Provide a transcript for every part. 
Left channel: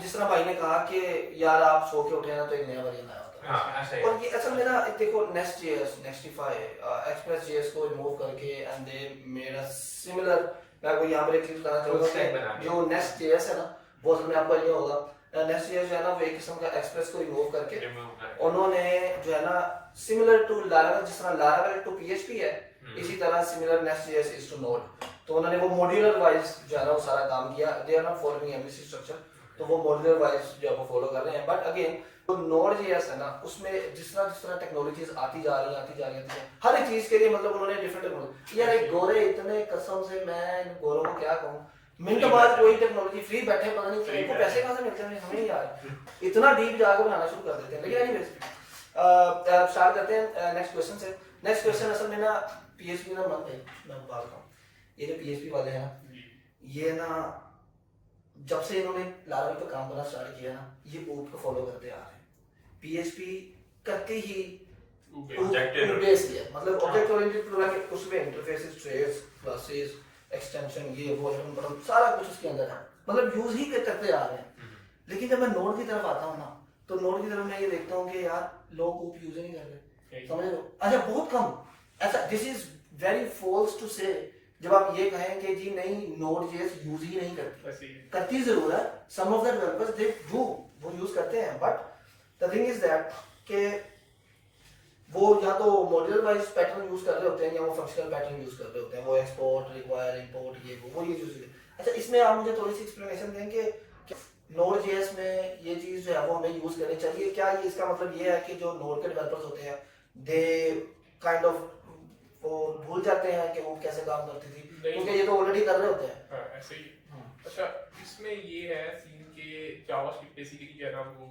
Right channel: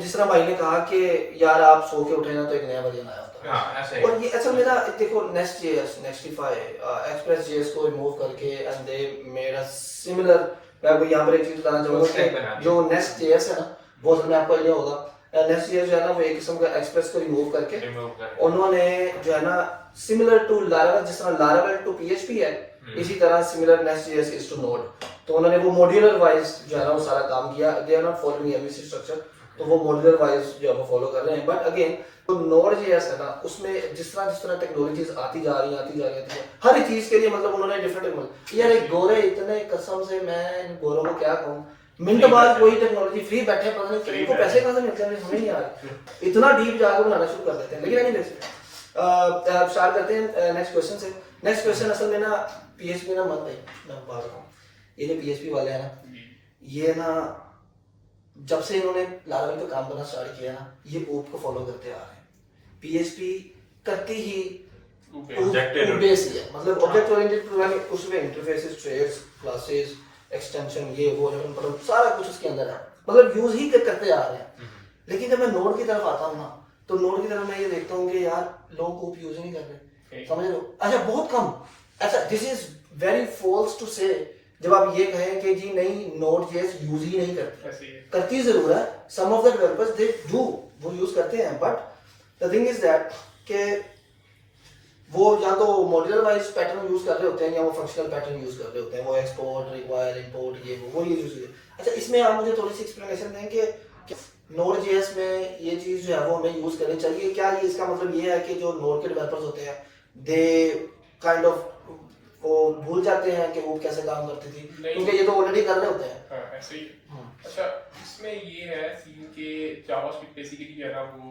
जिस तरह भाई ने कहा कि यार आप सो के उठे ना तो एक नया वर्जन आया होता है। हाँ ऐसे और ये असल में ना देखो Next.js, Nextify, Express.js को रिमूव करके and they made a similar. मैं आपको यहाँ पर एक चीज बताना चाहूँगा कि जो Next.js है ना वो असल में आपको ये होगा, Next.js जो है ना वो एक किस्म का एक्सप्रेस को रिमूव करके उन्होंने जो है ना सिमिलर टू Laravel, जिस तरह Laravel टू PHP है इसी तरह similar Next.js is to node. तो उन्होंने वो मॉड्यूलर वाइज जो है ना वो सारा काम किया। They are not following MVC structure, तो वो मॉड्यूलर वाइज जो है वो फॉलो कर रहे हैं। बट अगेन तो Node.js है ना उसमें जिस तरह टेक्नोलॉजीज आती जा रही है हर एक चीज के लिए मतलब उन्होंने डिफरेंट टेक्नोलॉजी। यार एक गोरे इतने कसम से मैं इन गोरों को क्या कहूँ, मिनट बाद कोई टेक्नोलॉजी फ्री बैठे पता नहीं इनको पैसे कहाँ से मिलते हैं हमें नहीं आ रहा, इतना डीप जाकर बनाना शुरू कर देते हैं। लेकिन एनीवेज स्टार्ट करते हैं नेक्स्ट क्वेश्चन से। नेक्स्ट क्वेश्चन असल में ना PHP ना मत मैं बात कहूँ, ये जो PHP वाले हैं ना ये ना जब से इन्होंने Laravel पे काम करना स्टार्ट किया ना ये OOP को फॉलो करते आ रहे हैं। PHP करते ही बेस ही है, मतलब ऑब्जेक्ट ओरिएंटेड प्रोग्रामिंग, उसमें इंटरफेसेस, ट्रेड्स, क्लासेस, एक्सटेंशन, ये वो सारा कुछ उसके अंदर है, मतलब यूज ही करते आ रहे हैं। लेकिन जब मैं नोड की तरफ आता हूँ ना तो नोड की तरफ मैं ये देखता हूँ कि यार लोग OOP यूज ही नहीं कर रहे, समझ रहे हो? अच्छा बहुत कम, अच्छा this is very false to say जब आप ये कहें कि जी नहीं Node.js यूज ही नहीं करती जरूर है, some of the developers they do, वो यूज करते हैं। But the thing is that कि वो या तो मॉड्यूलर वाइज पैटर्न यूज कर रहे होते हैं या वो फंक्शनल पैटर्न यूज कर रहे होते हैं, वो एक्सपोर्ट, रिक्वायर, इंपोर्ट, ये वो ये यूज। अच्छा इसमें आप मुझे थोड़ी सी एक्सप्लेनेशन दें कि Node.js में ये चीज जो है वो हमें यूज करनी चाहिए क्या? ये इसका मतलब ये है कि जो नोड के डेवलपर्स होते हैं दे काइंड ऑफ वो भूल जाते हैं कि वो कैसे काम करती थी, क्योंकि ये तो ऑलरेडी कर रहे होते हैं। हाँ ऐसे ही। अच्छा इसमें ये है सीन के जावास्क्रिप्ट बेसिकली जो है ना वो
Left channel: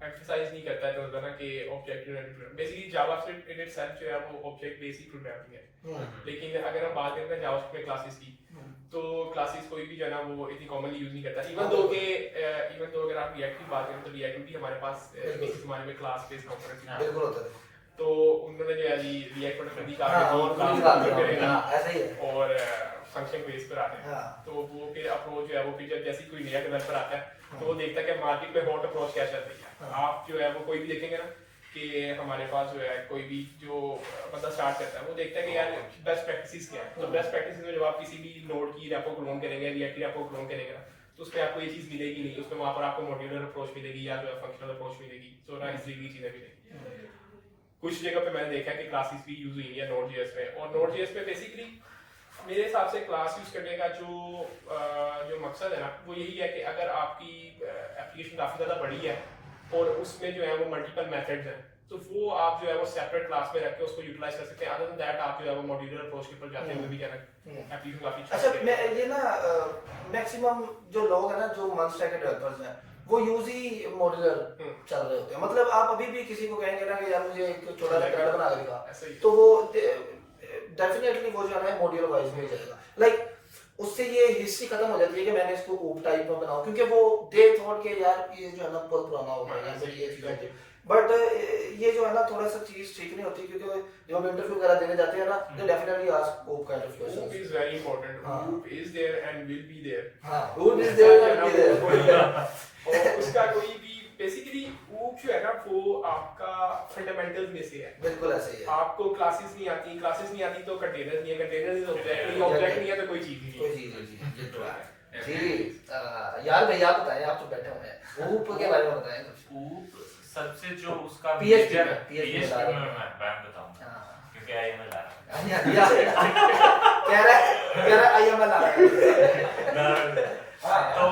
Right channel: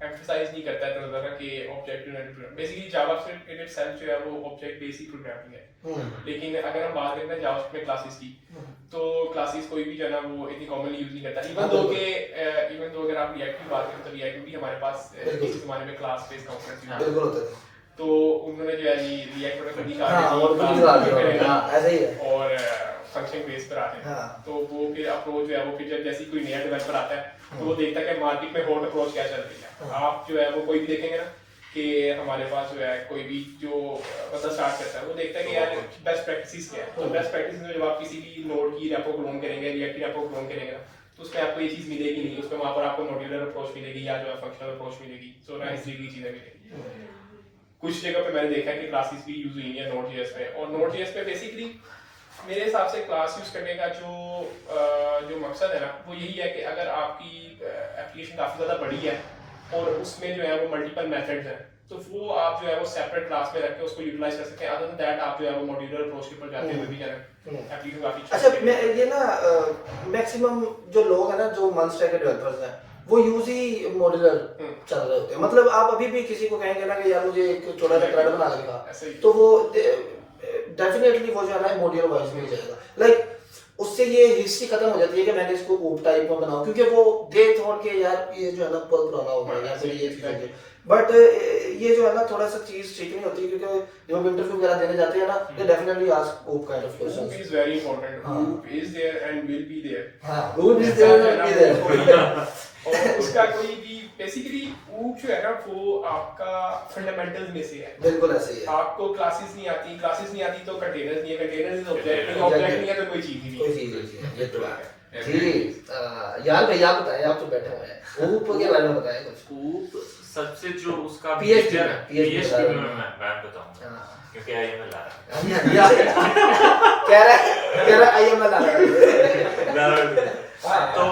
एम्फसाइज नहीं करता है तो ज़्यादा कि object oriented programming, basically JavaScript in itself जो है वो ऑब्जेक्ट बेस्ड प्रोग्रामिंग है। लेकिन अगर हम बात करते हैं जावास्क्रिप्ट में क्लासेस की तो क्लासेस कोई भी जो है ना वो इतनी कॉमनली यूज नहीं करता। इवन दो अगर आप रिएक्ट की बात करें तो रिएक्ट भी हमारे पास इस ज़माने में क्लास बेस्ड कंपोनेंट्स बिल्कुल होते थे, तो उन्होंने जो है रिएक्ट पर खुद ही कहा ऐसा ही है और फंक्शन बेस पर आते हैं। तो वो फिर अप्रोच जो है वो फिर जब जैसे कोई नया डेवलपर आता है तो वो देखता है कि मार्केट में हॉट अप्रोच क्या चल रही है। आप जो है वो कोई भी देखेंगे ना कि हमारे पास जो है कोई भी जो बंदा स्टार्ट करता है वो देखता है कि यार बेस्ट प्रैक्टिसेस क्या है। तो बेस्ट प्रैक्टिस में जब आप किसी भी नोड की रेपो क्लोन करेंगे, रिएक्ट की रेपो क्लोन करेंगे तो उसमें आपको ये चीज़ मिलेगी नहीं, उसमें वहाँ पर आपको मॉड्यूलर अप्रोच मिलेगी या जो है फंक्शनल अप्रोच मिलेगी। सो ना इस तरीके की चीज़ें मिलेगी। कुछ जगह पे मैंने देखा है कि क्लासेस भी यूज हुई है Node.js पे, और Node.js पे बेसिकली मेरे हिसाब से क्लास यूज करने का जो मकसद है ना वो यही है कि अगर आपकी एप्लीकेशन काफ़ी ज़्यादा बड़ी है और उसमें जो है वो मल्टीपल मेथड्स हैं तो वो आप जो है वो सेपरेट क्लास में रख के उसको यूटिलाइज कर सकते हैं। अदर देन दैट आप जो है वो मॉड्यूलर अप्रोच के ऊपर जाते हुए भी जो है एप्लीकेशन काफ़ी अच्छा मैं ये ना मैक्सिमम जो लोग हैं ना जो मंस्टर के डेवलपर्स हैं वो यूज ही मॉड्यूलर चल रहे होते हैं। मतलब आप अभी भी किसी को कहेंगे ना कि यार मुझे एक छोटा सा थ्रेड बना देगा तो वो डेफिनेटली वो जो है ना मॉड्यूलर वाइज में जाएगा। लाइक उससे ये हिस्ट्री खत्म हो जाती है कि मैंने इसको OOP टाइप में बनाऊं, क्योंकि वो दे थॉट के यार ये जो है ना बहुत पुराना हो गया है ये चीज है। बट ये जो है ना थोड़ा सा चीज ठीक नहीं होती, क्योंकि जब हम इंटरव्यू वगैरह देने जाते हैं ना they definitely ask OOP kind of questions. OOP is very important, OOP is there and will be there. हां OOP is there and will be there और उसका कोई भी बेसिकली OOP जो है ना वो आपका फंडामेंटल्स में से है। बिल्कुल ऐसे ही है। आपको क्लासेस नहीं आती तो कंटेनर्स नहीं है, कंटेनर्स इज ऑब्जेक्ट नहीं है तो कोई चीज ही नहीं है। कोई चीज नहीं है, ये तो है जी। यार भैया आप बताएं, आप तो बैठे हुए हैं OOP के बारे में बताएं कुछ। OOP सबसे जो उसका PHP में मैं बताऊंगा क्योंकि IML आ रहा है कह रहा IML आ रहा है। तो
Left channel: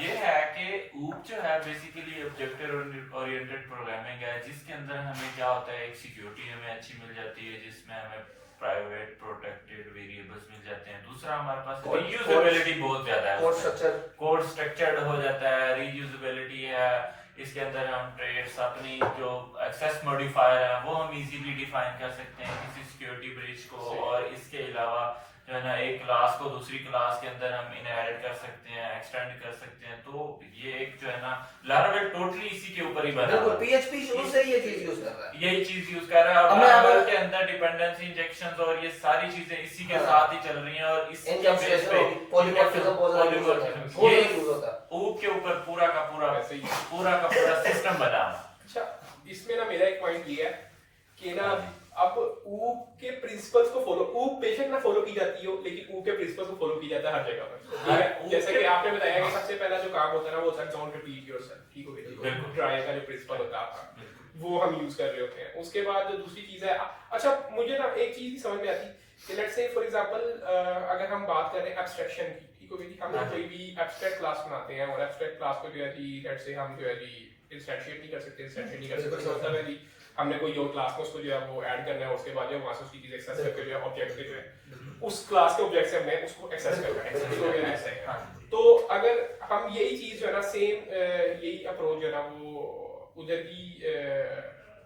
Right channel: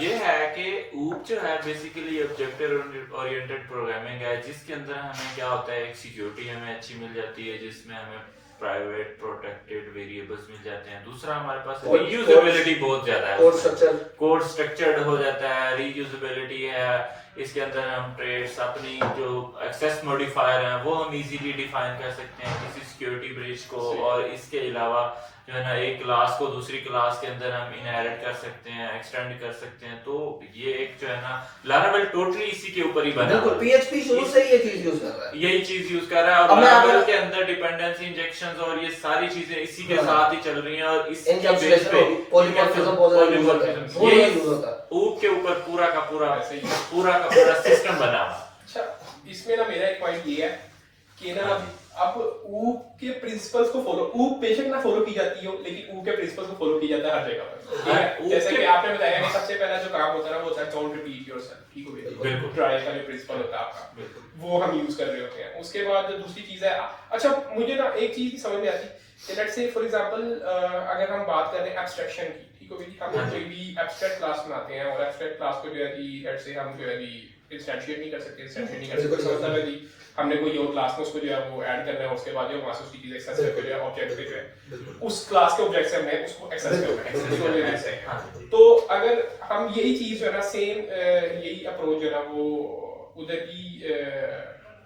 ये है कि OOP जो है बेसिकली ऑब्जेक्ट ओरिएंटेड प्रोग्रामिंग है जिसके अंदर हमें क्या होता है, एक सिक्योरिटी हमें अच्छी मिल जाती है जिसमें हमें प्राइवेट प्रोटेक्टेड वेरिएबल्स मिल जाते हैं। दूसरा हमारे पास रीयूजेबिलिटी बहुत ज्यादा है, कोड स्ट्रक्चर्ड हो जाता है, रीयूजेबिलिटी है। इसके अंदर हम ट्रेड्स अपनी जो एक्सेस मॉडिफायर है वो हम इजीली डिफाइन कर सकते हैं किसी सिक्योरिटी ब्रीच को, और इसके अलावा जो है ना एक क्लास को दूसरी क्लास के अंदर हम इनहेरिट कर सकते हैं, एक्सटेंड कर सकते हैं। तो ये एक जो है ना ना, लारावेल टोटली इसी के ऊपर ही बना बिल्कुल है। पीएचपी शुरू से ये चीज यूज कर रहा है, यही चीज यूज कर रहा है, और अब मैं लारावेल अगर- के अंदर डिपेंडेंसी इंजेक्शंस और ये सारी चीजें इसी के हाँ। साथ ही चल रही हैं, और इसके बेस एनकैप्सुलेशन पे होगी, पॉलीमॉर्फिज्म बहुत ज्यादा यूज होता है, polymorphism, बहुत ये ज्यादा यूज होता है। ऊप के ऊपर पूरा का पूरा ऐसे ही। सिस्टम बना हुआ है। अच्छा, इसमें ना मेरा एक पॉइंट ये है कि ना अब ऊप के प्रिंसिपल्स को फॉलो, ऊप बेशक ना फॉलो की जाती हो, लेकिन ऊप के प्रिंसिपल्स को फॉलो किया जाता है हर जगह पर, ठीक है? ऊप जैसे के- कि आपने बताया कि सबसे पहला जो काम होता है ना वो होता है डोंट रिपीट योरसेल्फ, ठीक हो गया? बिल्कुल। ड्राई का जो प्रिंसिपल होता है आपका, बिल्कुल। वो हम यूज कर रहे होते हैं। उसके बाद जो दूसरी चीज है, अच्छा मुझे ना एक चीज नहीं समझ में आती कि लेट्स से फॉर एग्जांपल अगर हम बात कर रहे हैं एब्स्ट्रैक्शन की, ठीक हो गई? हम कोई भी एब्स्ट्रैक्ट क्लास बनाते हैं और एब्स्ट्रैक्ट क्लास को जो है कि लेट्स से हम जो है कि इंस्टेंशिएट नहीं कर सकते, इंस्टेंशिएट नहीं कर सकते, इसका मतलब है कि हमने कोई और क्लास में उसको जो है वो ऐड करना है, उसके बाद जो है वहां से उसकी चीज एक्सेस करके जो है ऑब्जेक्ट पे जो है उस क्लास के ऑब्जेक्ट से हमने उसको एक्सेस करना है, एक्सेस करके जैसे है। हाँ। तो अगर हम यही चीज जो है ना सेम यही अप्रोच जो है ना वो उधर भी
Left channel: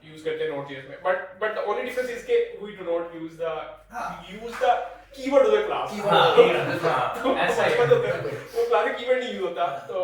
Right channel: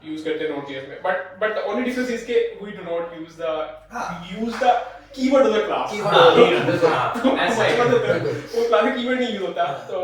यूज करते हैं नोड.जेएस में, but the only difference is के we do not use the keyword of the class, ऐसा ही वो क्लास में कीवर्ड नहीं यूज होता। तो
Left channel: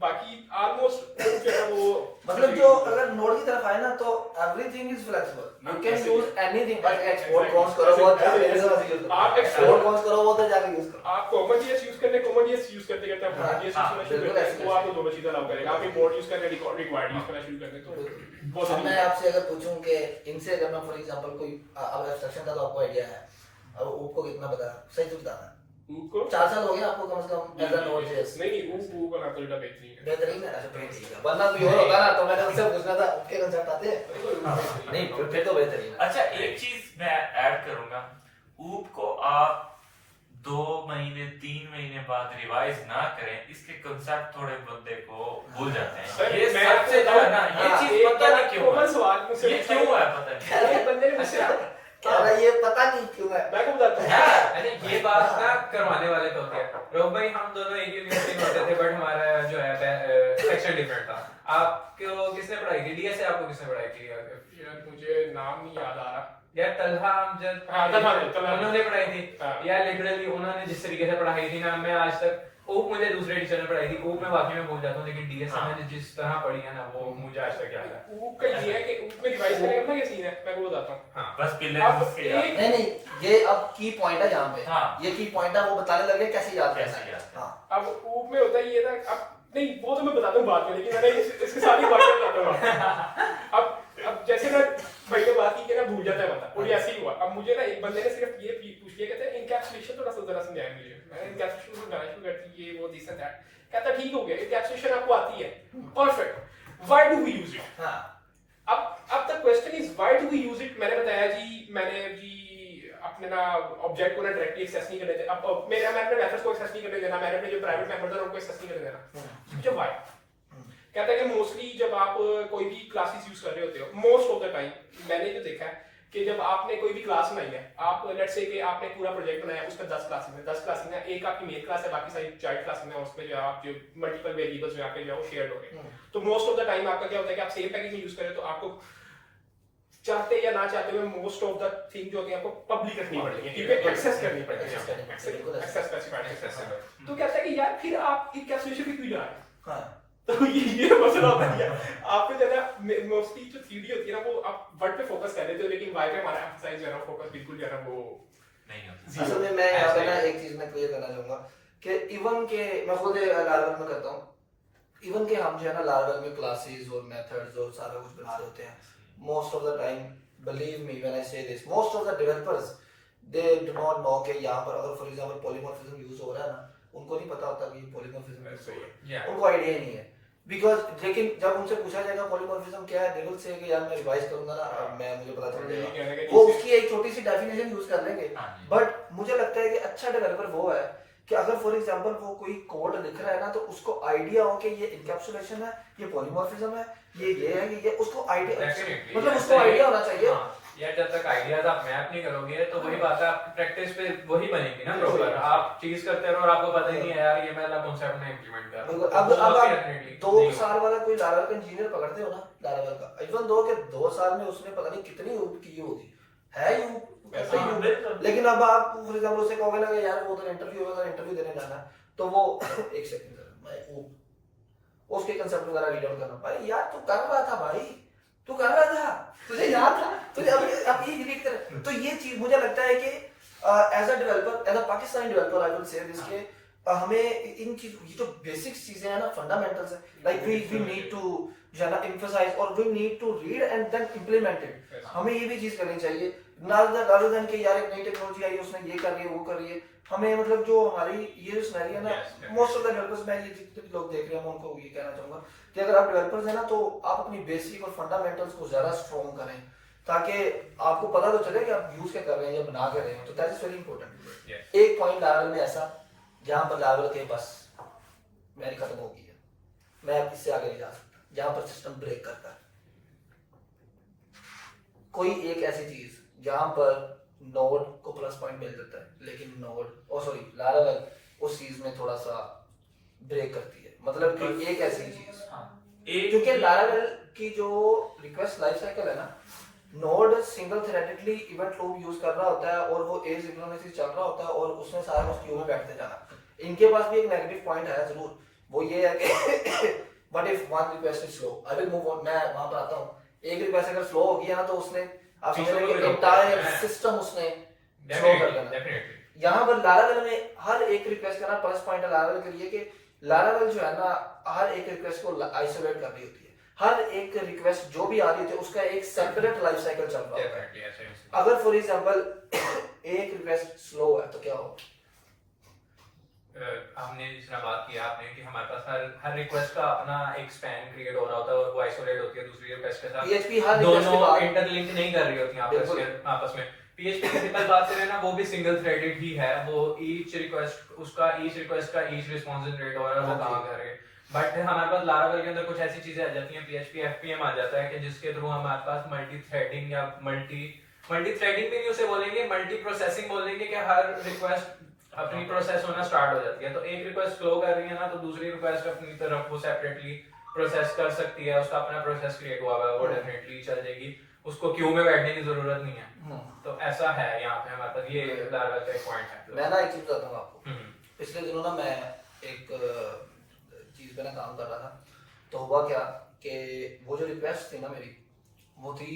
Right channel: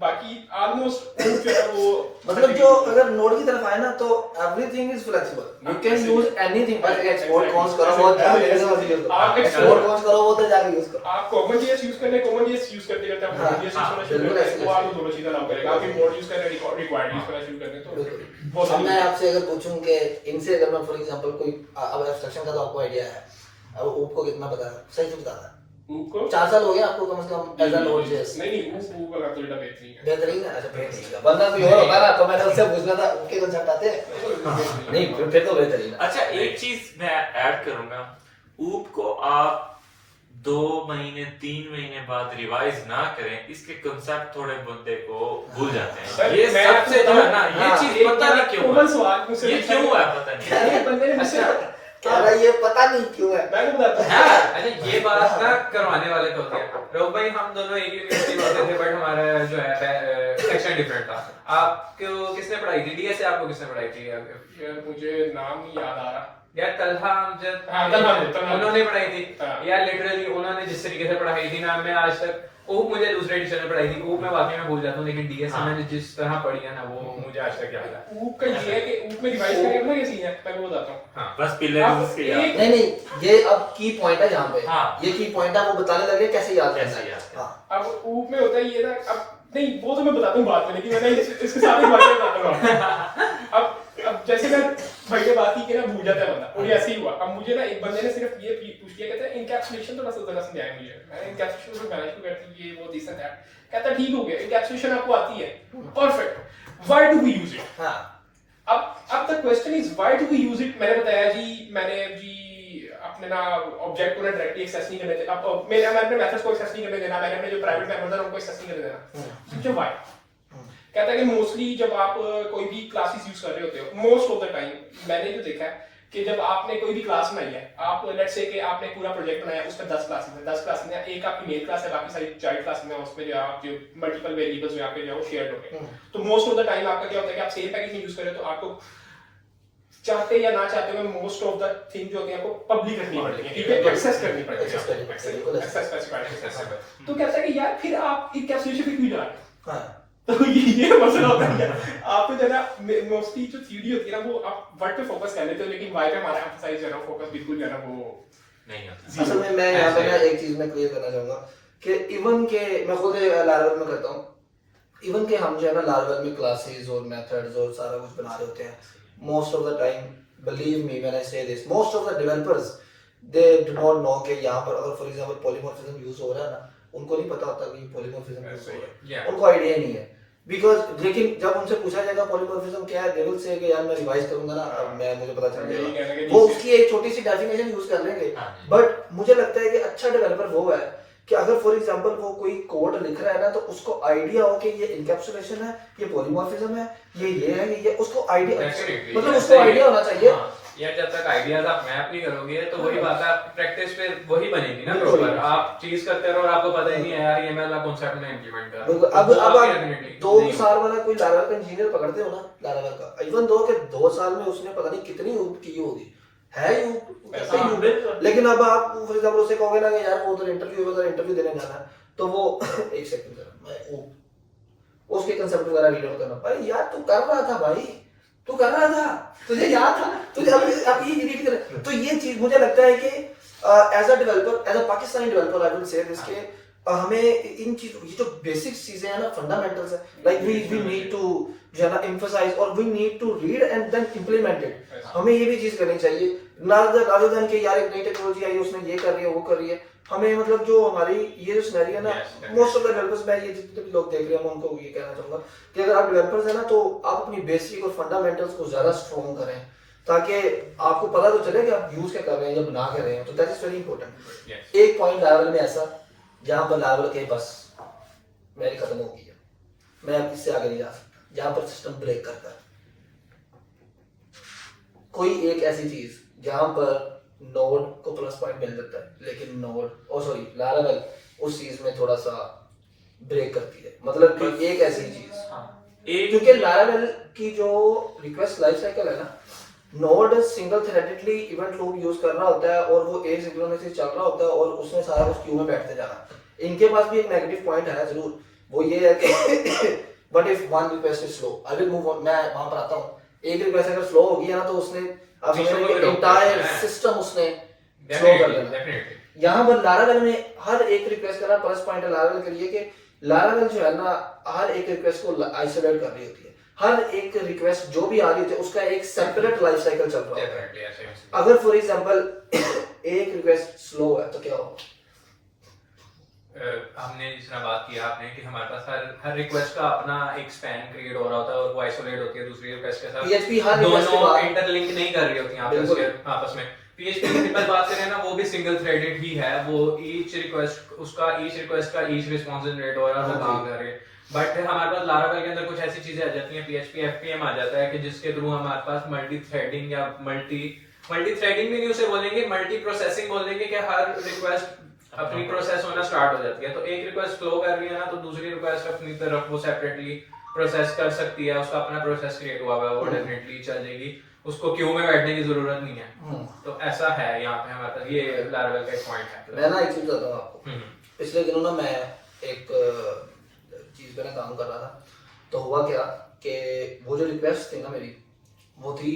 बाकी ऑलमोस्ट जो है वो मतलब जो अगर नोड की तरफ आए ना तो everything is flexible, you can use anything, बस एक्सपोर्ट कॉन्स करो वो जाके यूज करो, आप एक्सपोर्ट कॉन्स करो वो तो जाके यूज करो। आप कॉमन जेएस यूज करने कॉमन जेएस यूज करते रहते हैं, कॉमन जेएस यूज करना शुरू बिल्कुल करते ऐसे हैं, वो आपको दोनों चीजें अलाउ करेगा। आप इंपोर्ट यूज कर रहे हैं, रिक्वायर्ड यूज करना शुरू करते हैं, तो बहुत अब मैं आपसे अगर पूछूं कि इनसे अगर मैं फॉर एग्जांपल कोई अब एब्स्ट्रैक्शन का तो आपको आइडिया है, अब ऊप को कितना पता है, सही से बताना है, ऊप को 4 साल हो गया आपको कम से कम एज अ नोड.जेएस? नहीं ऊप का तो डेटा बेहतरीन है, बेहतरीन है, अच्छा फिर ठीक है, वरना कोई और होता ना तो मैंने उससे पूछ रहा था उनके कंसेप्ट आते हैं नहीं, फिर तो बेहतरीन है। अच्छा, एक चीज मैं ऐड करूंगा, ऊप को आप 2 महीने 3 महीने बाद रिवाइज ना करें, इसके कंसेप्ट थोड़े बंदे को भूल जाते हैं। ये सबसे जो है ना, ये चीज पता नहीं क्यों कॉमन है, सवाल मुझसे ये क्यों है पता नहीं। एक बंदे ने मुझसे कह रहा है ये पता नहीं क्यों है, मैं को बताता हूं। अच्छा ये बात ना करवाने वाले तो होते हैं रोग भाई, हम दोनों एक यूनिवर्सिटी में होते थे, बट हमारा जो है सेक्शन डिफरेंट था। आपको किसने पढ़ाई थी डीएस से, आपको किसने पढ़ाई थी? यार मुझे नाम नहीं याद आ रहा। यार तलहा अमजद, हाँ, तलहा। उन्होंने पढ़ाई थी हाँ। यार, लिटरली उन्होंने जिस तरीके से पढ़ाई थी ना, मैं आज तक ऊप मुझे दूसरे टीचर ने पढ़ाई थी, ऊप में वाकई में भूल जाता हूँ, लेकिन डीएस से मैंने जिस तरह पढ़ी है ना वो मुझे आज तक याद है। ऊप का ये है कि ऊप में रिवाइज करने का क्या सीन है, मैं वो बताता हूँ। हाँ बस पिलर अब उसके याद। एक- नहीं नहीं ये अब की पॉइंट है यहाँ पे, हाँ। ये की पॉइंट है, वो बताने लगे कैसे याद कैसे करना है। याद करना। हाँ अब ऊप में होता है ये ना, अब नहीं वो तो मैं बताता हूँ बाद में, लेकिन मैंने इसके साथ ही बात बताता हूँ। अब जैसे मैं भाई ने बात की कि ना भूल जाता है बंदा, और ऐसे ही हुआ। अब मुझे ना एक बंदे ने सिर्फ ये पूछ लिया, कहते हैं इनकैप्सुलेशन थोड़ा सा जरा समझाया मुझे। मैंने इनकैप्सुलेशन को गाना शुरू कर दी, ये वो दिस एंड दैट। कहता ठीक हो गया, इनकैप्सुलेशन आपको आती है, perfect, why do we use it? हाँ अब the question is why do we use it. मैंने बताया जी, मैंने जी अपने ना ऑब्जेक्ट को ना डायरेक्टली एक्सेस नहीं करने देना, अब मैंने अपने मेथड्स को एक्सेस नहीं करने देना, मैंने अपने जो प्राइवेट मेथड्स हैं उनको एक्सेस नहीं करने देना। समझो व्हाई? कहता है कि मोस्टली जब आप कोई भी क्लासेस यूज कर रहे होते हो, मोस्ट ऑफ द टाइम मैंने जो देखा है कि जब आपने कोई भी क्लास बनाई है, आप लेट्स से कि आपने पूरा प्रोजेक्ट बनाया, उसमें 10 क्लासेस हैं, 10 क्लासेस हैं, एक आपकी मेन क्लास है, बाकी सारी चाइल्ड क्लासेस हैं, उसमें जो आप जो मल्टीपल वेरिएबल्स यहाँ पे जो है वो शेयर हो रहे हैं। तो मोस्ट ऑफ द टाइम आपका क्या होता है कि आप सेम पैकेज में यूज करें तो आपको चाहते या ना चाहते हुए मोस्ट ऑफ द थिंग जो होती है आपको पब्लिक रखनी पड़ती है, ठीक है, एक्सेस करनी पड़ती है, Access करनी पड़ती है, बिल्कुल एक्सेस स्पेसिफाइड एक्सेस। तो कहता है कि यार फिर आप इनकैप्सुलेशन पे क्यों जा रहे हैं? हाँ तो ये मसला होता है आप तो जना मोस्टली जो थ्योरी होती है ना वो आप वर्ड पे फोकस कर लेते हो, लेकिन वाई पे हमारा एम्फसाइज है ना फोकस बिल्कुल जो है ना वो नहीं होता। असल में मैं यहाँ पे ना एक चीज में क्लियर करना चाहूंगा कि इवन के मैं खुद लारावेल में करता हूँ, इवन के हम जो है ना लारावेल में क्लासेस और मेथड्स और सारा कुछ बना रहे होते हैं, most of the time believe me when I say this, most of the developers they do not know कि यहाँ पर अगर फॉर एग्जांपल पॉलीमॉर्फिज्म यूज हो रहा है ना, उनको नहीं पता होता कि पॉलीमॉर्फिज्म यूज हो रहा है, उनको आइडिया नहीं है। बिकॉज लेकिन जब उनसे पूछा जाएगा पॉलीमॉर्फिज्म क्या है, दे विल से कि यार मैं रिवाइज करूंगा ना, अब मैं मुझे पता चल जाएगा, वो उसकी एक छोटी सी डेफिनेशन यूज कर लेंगे। बट मुझे लगता है कि अच्छा डेवलपर वो है कि अगर फॉर एग्जांपल वो कोई कोड लिख रहा है ना तो उसको आइडिया हो कि ये इनकैप्सुलेशन है, ये पॉलीमॉर्फिज्म है, ये है, ये उसको आइडिया, मतलब उसको आइडिया होना चाहिए। यार जब तक आइडियाज आप मैप नहीं करोगे तो वही बात है, आपकी प्रैक्टिस पे वही बनेगी ना प्रॉपर। आप चीज करते रहो और आपको पता ही नहीं है यार ये मैं वाला कांसेप्ट में इंप्लीमेंट कर बिल्कुल। अब आप 2 साल वाला कोई लारावेल का इंजीनियर पकड़ते हो ना, लारावेल का, इवन दो के 2 साल में उसने पता नहीं कितनी ऊप की होगी, है यूप ऐसा ही यूप, लेकिन अब आप फॉर एग्जांपल उससे कहोगे ना कि यार वो उधर इंटरव्यू देने जाना है, तो वो एक सेकंड मैं ऊप उसके कंसेप्ट वगैरह रीड आउट करना। भाई यार तू कर रहा था भाई, तू कर रहा था, तुझे याद था, तुझे अब ये डिलीट कर। तो ये चीज मुझे लगता है कि as a developer, as a Pakistani developer I will say this के हमें इन चीजों, ये जो बेसिक चीजें हैं ना, फंडामेंटल्स है, लाइक वी नीड टू जो है ना एम्फसाइज और we need to read and then implement it. हमें ये भी चीज करनी चाहिए rather than कि यार एक नई टेक्नोलॉजी आई उसने ये कर रही है वो कर रही है। हमें मतलब जो हमारी ये जो सिनेरियो है ना, मोस्ट ऑफ द डेवलपर्स, मैं ये जितने भी लोग देख रहे हैं मैं उनको ये कहना चाहूंगा कि अगर आप डेवलपर्स हैं ना तो आप अपनी बेसिक और फंडामेंटल्स को ज्यादा स्ट्रॉन्ग करें ताकि आपको पता तो चले कि आप यूज क्या कर रहे हैं या बना के रहे हैं। तो दैट इज वेरी इंपॉर्टेंट। एक पॉइंट लेवल में ऐसा जहां पर लेवल के बस मेरी खत्म हो गई है, मैं अब इससे आगे नहीं जा सकता, जहां पर सिस्टम ब्रेक कर कर कोई एक ऐसी चीज जहां पर नोड को प्लस पॉइंट मिल जाता है लेकिन नोड लारावेल उस चीज में थोड़ा सा ब्रेक करती है। मतलब कि एक ऐसी चीज क्योंकि लारावेल की जो रिक्वेस्ट लाइफ साइकिल है ना, node single threadedly event loop use कर रहा होता है और वो एक सिंक्रोनस चल रहा होता है और उसमें सारा कुछ क्यू में बैठते जाना। इनके पास भी एक नेगेटिव पॉइंट है जरूर, वो ये है कि but if one request is slow I will move on. मैं वहां पर आता हूं, एक रिक्वेस्ट अगर स्लो होगी है ना तो उसने एंटायर सिस्टम उसने स्लो कर देना। यहाँ पर लारावेल में हर एक रिक्वेस्ट का ना प्लस पॉइंट है लारावेल के लिए कि लारावेल जो है ना हर एक रिक्वेस्ट को आइसोलेट कर रही होती है। हर एक रिक्वेस्ट जो भी आ रही होती है उसका एक सेपरेट लाइफ साइकिल चल रहा है। अगर फॉर एग्जांपल एक रिक्वेस्ट स्लो है तो क्या होगा? हमने जिस तरह बात किया आपने कि हमारे पास हर रिक्वेस्ट का अपना एक स्पैन क्रिएट हो रहा होता है और वो आइसोलेट होती है दूसरी रिक्वेस्ट के साथ। PHP हर रिक्वेस्ट के दोनों बाद इंटरलिंक नहीं कर रही होती आपस में। PHP की सिंपल बात करें ना, वो भी सिंगल थ्रेडेड ही है, वो ईच रिक्वेस्ट का ईच रिस्पांस जनरेट हो रहा है, वो काम कर रहे हैं। बट हमारे पास लारावेल के अंदर कुछ ऐसी चीजें आ जाती हैं, PHP FPM आ जाता है कि जिसके थ्रू हमारे पास मल्टी थ्रेडिंग या मल्टी थ्रेडिंग भी नहीं उसे बोलेंगे, मल्टी प्रोसेसिंग बोलेंगे कि हर रिक्वेस्ट अपनी प्रोसेस होना स्टार्ट हो जाती है। तो एक रिक्वेस्ट फ्लो कर रही है ना तो दूसरी रिक्वेस्ट अपनी तरफ वो सेपरेटली प्रोसेस कर सकती है, उसका अपना प्रोसेस क्रिएट हुआ है, वो डेफिनेटली चलेगी, उसको क्यू में बैठने की जरूरत नहीं है। तो ऐसा है यहाँ पे हमारे पास, ये लारावेल का एक पॉइंट है। मैं ना एक चीज बताता हूँ आपको। पिछले दिनों ना मैं एक चीज पे ना काम कर रहा था, तो हुआ क्या कि वो जो रिक्वेस्ट थी ना मेरी वो थी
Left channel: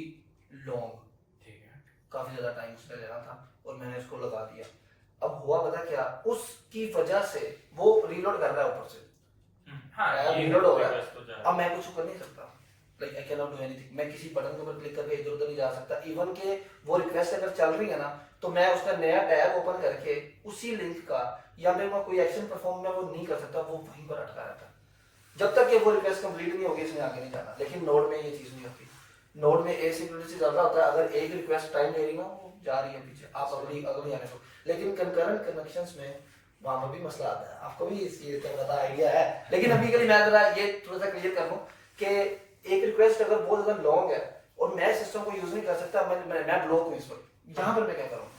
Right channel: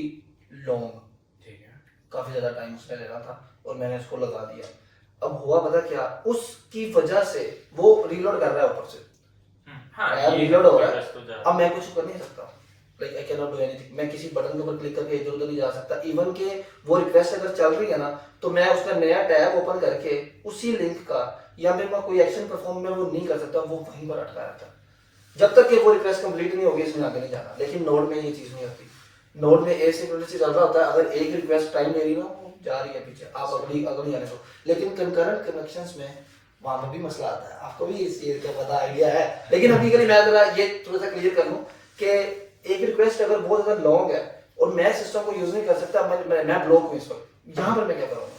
लॉन्ग, ठीक है, काफी ज्यादा टाइम उसने लेना था और मैंने उसको लगा दिया। अब हुआ पता क्या, उसकी वजह से वो रीलोड कर रहा है ऊपर से, रीलोड हो रहा है। अब मैं कुछ कर नहीं सकता, like I can not do anything. मैं किसी बटन के ऊपर क्लिक करके इधर उधर नहीं जा सकता। इवन के वो रिक्वेस्ट अगर चल रही है ना तो मैं उसका नया टैब ओपन करके उसी लिंक का या मेरे पास कोई एक्शन परफॉर्म में वो नहीं कर सकता, वो वहीं पर अटका रहता है जब तक कि वो रिक्वेस्ट कंप्लीट नहीं होगी, इसमें आगे नहीं जाना। लेकिन नोड में ये चीज नहीं होती। नोड में एसिंक्रोनस चल रहा होता है, अगर एक रिक्वेस्ट टाइम ले रही ना जा रही है पीछे, आप अगली आने दो। लेकिन कंकरेंट कनेक्शंस में वहां पर भी मसला आता है, आपको भी इस चीज का पता आइडिया है। लेकिन अभी के लिए मैं जरा ये थोड़ा सा क्लियर कर लूं कि एक रिक्वेस्ट अगर बहुत ज्यादा लॉन्ग है और मैं सिस्टम को यूज नहीं कर सकता, मैं ब्लॉक हूं इस वक्त, यहाँ पर मैं क्या करूंगा?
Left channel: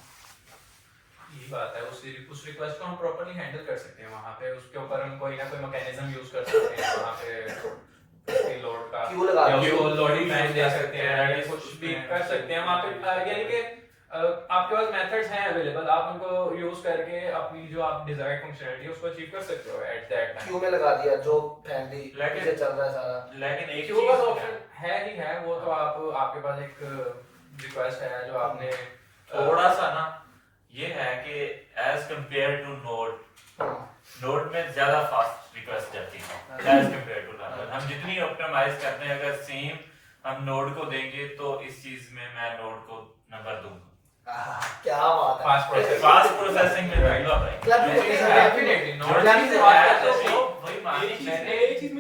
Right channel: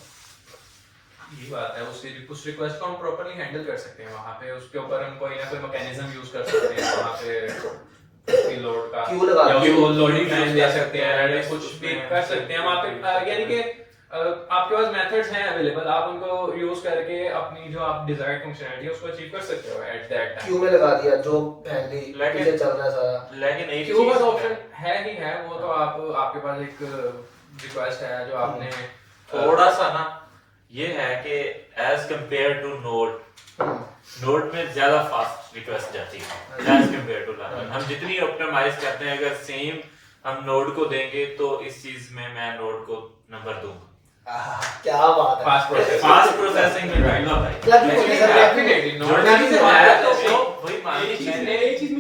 ये बात है, उस रिक्वेस्ट को हम प्रॉपर्ली हैंडल कर सकते हैं। वहां पे उसके ऊपर हम कोई ना कोई मैकेनिज्म यूज कर सकते हैं, वहां पे लोड का क्यू लगा क्यू लोडिंग टाइम दे सकते हैं, कुछ भी कर सकते हैं वहां पे। यानी कि आपके पास मेथड्स हैं अवेलेबल, आप उनको यूज करके अपनी जो आप डिजायर्ड फंक्शनैलिटी है उसको अचीव कर सकते हो एट दैट टाइम। क्यू में लगा दिया जो फैमिली पीछे चल रहा है सारा। लेकिन एक क्यू का ऑप्शन है ही है, वो तो आपके पास एक रिक्वेस्ट है जो आपने थोड़ा सा ना ये है कि एज कंपेयर टू नोड में ज्यादा फास्ट रिक्वेस्ट जाती है एज कंपेयर टू लारावेल। हम जितनी ऑप्टिमाइज करते हैं अगर सेम हम नोड को देंगे तो इस चीज में मैं नोड को नंबर दूंगा। क्या बात है, फास्ट प्रोसेसिंग में डेफिनेटली डेफिनेटली नोड वही मान लीजिए